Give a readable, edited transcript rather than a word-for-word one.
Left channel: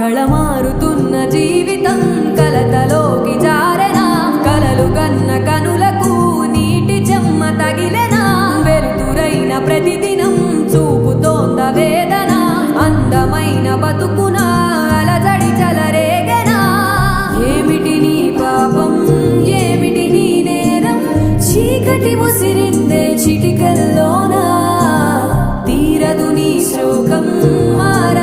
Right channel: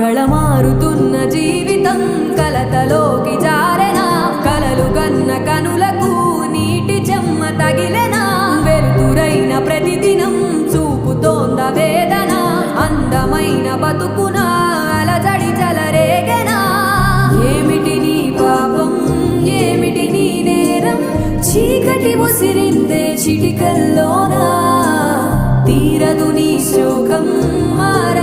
కళమారుతున్న జీవితం కలతలోకి జారెనా కలలు కన్న కనులకు నీటి చెమ్మ తగిలెనా వెలుతురైన ప్రతిదినం చూపుతోంద వేదన అందమైన బతుకున అలజడి చలరేగెనా ఏమిటి నీ పాపం ఏమిటి నీ నేరం చీకటి ముసిరిందే చిటికల్లోనా తీరదు నీ శోకం మార